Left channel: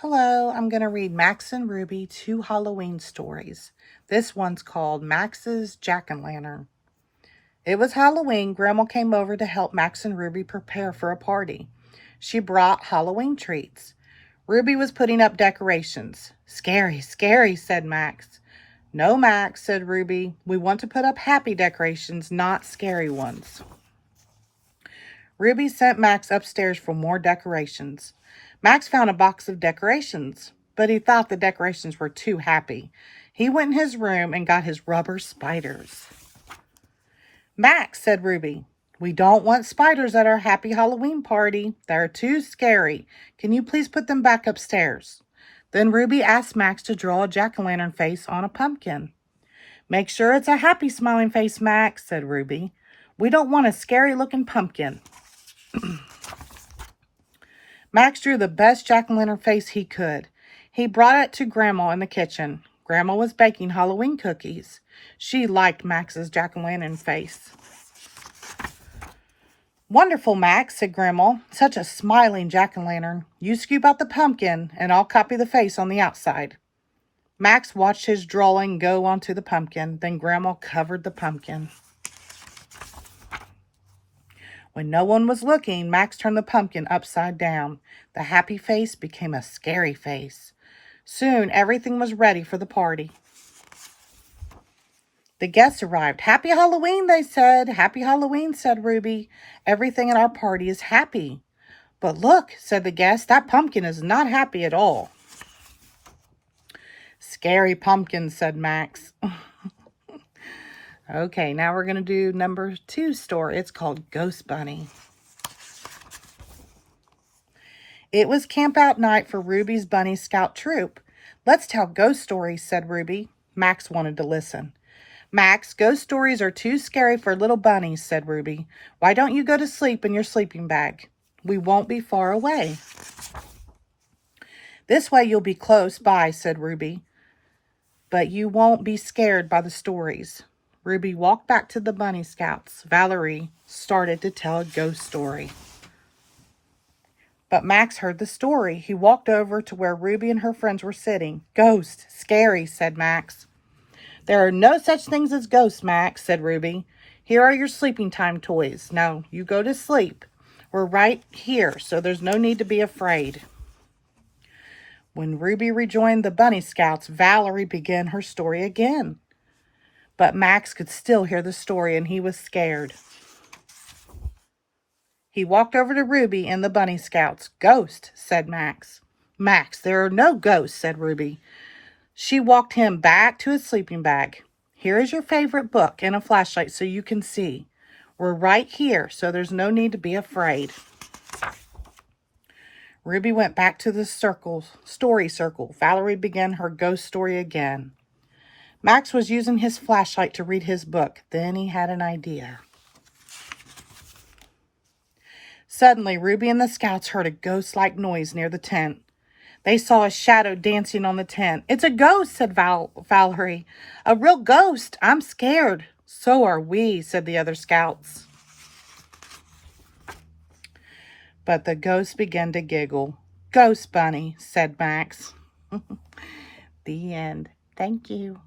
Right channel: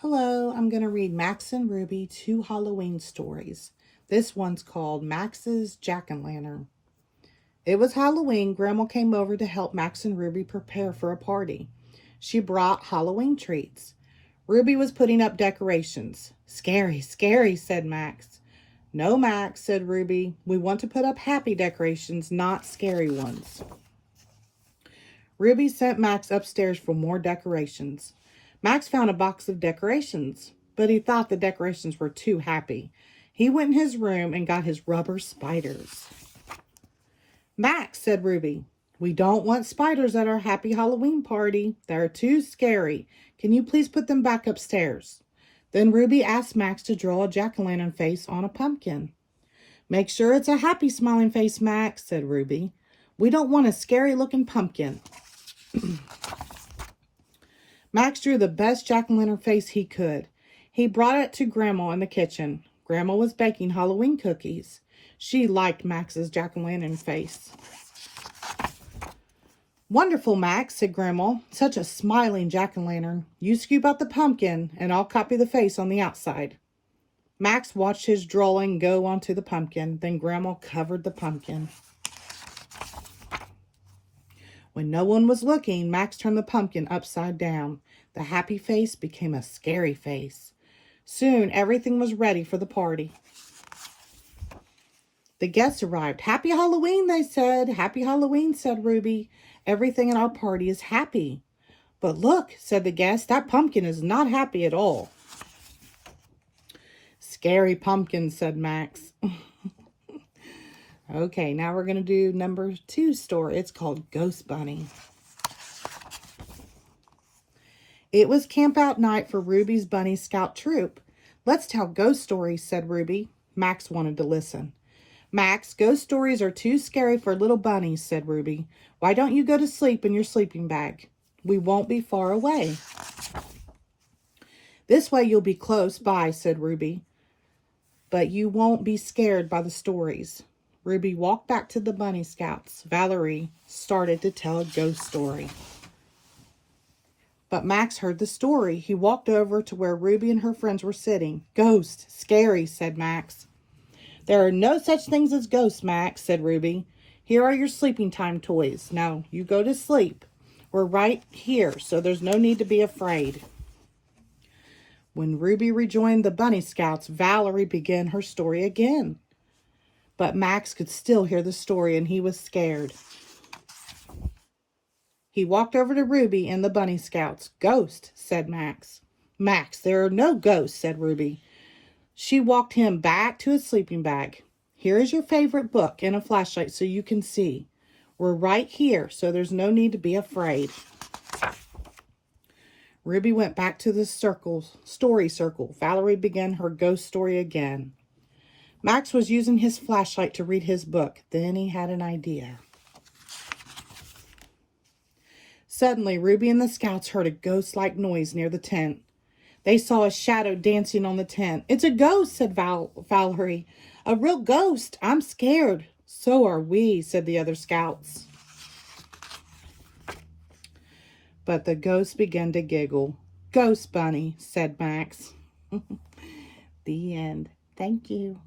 Hello, I'm going to read Max and Ruby 2 Halloween stories. This one's called Max's Jack-o'-lantern. It was Halloween. Grandma came over to help Max and Ruby prepare for a party. She brought Halloween treats. Ruby was putting up decorations. Scary, scary, said Max. No, Max, said Ruby. We want to put up happy decorations, not scary ones. Ruby sent Max upstairs for more decorations. Max found a box of decorations, but he thought the decorations were too happy. He went in his room and got his rubber spiders. Max, said Ruby, we don't want spiders at our happy Halloween party. They're too scary. Can you please put them back upstairs? Then Ruby asked Max to draw a jack-o'-lantern face on a pumpkin. Make sure it's a happy smiling face, Max, said Ruby. We don't want a scary-looking pumpkin. Max drew the best jack-o'-lantern face he could. He brought it to Grandma in the kitchen. Grandma was baking Halloween cookies. She liked Max's jack-o'-lantern face. Wonderful, Max, said Grandma. Such a smiling jack-o'-lantern. You scoop out the pumpkin, and I'll copy the face on the outside. Max watched his drawing go onto the pumpkin. Then Grandma covered the pumpkin. When no one was looking, Max turned the pumpkin upside down. The happy face became a scary face. Soon, everything was ready for the party. The guests arrived. Happy Halloween, they said. Happy Halloween, said Ruby. Everything at our party is happy. But look, said the guest, that pumpkin is not happy at all. Scary pumpkin, said Max. Okay, now we're going to do number 2 story. It's called Ghost Bunny. It was camp out night for Ruby's Bunny Scout troop. Let's tell ghost stories, said Ruby. Max wanted to listen. Max, ghost stories are too scary for little bunnies, said Ruby. Why don't you go to sleep in your sleeping bag? We won't be far away. This way you'll be close by, said Ruby. But you won't be scared by the stories. Ruby walked back to the Bunny Scouts. Valerie started to tell a ghost story. But Max heard the story. He walked over to where Ruby and her friends were sitting. Ghost, scary, said Max. There are no such things as ghosts, Max, said Ruby. Here are your sleeping time toys. Now, you go to sleep. We're right here, so there's no need to be afraid. When Ruby rejoined the Bunny Scouts, Valerie began her story again. But Max could still hear the story, and he was scared. He walked over to Ruby and the Bunny Scouts. Ghost, said Max. Max, there are no ghosts, said Ruby. She walked him back to his sleeping bag. Here is your favorite book and a flashlight so you can see. We're right here, so there's no need to be afraid. Ruby went back to the story circle. Valerie began her ghost story again. Max was using his flashlight to read his book. Then he had an idea. Suddenly, Ruby and the Scouts heard a ghost-like noise near the tent. They saw a shadow dancing on the tent. It's a ghost, said Valerie. A real ghost. I'm scared. So are we, said the other Scouts. But the ghost began to giggle. Ghost Bunny, said Max. The end. Thank you.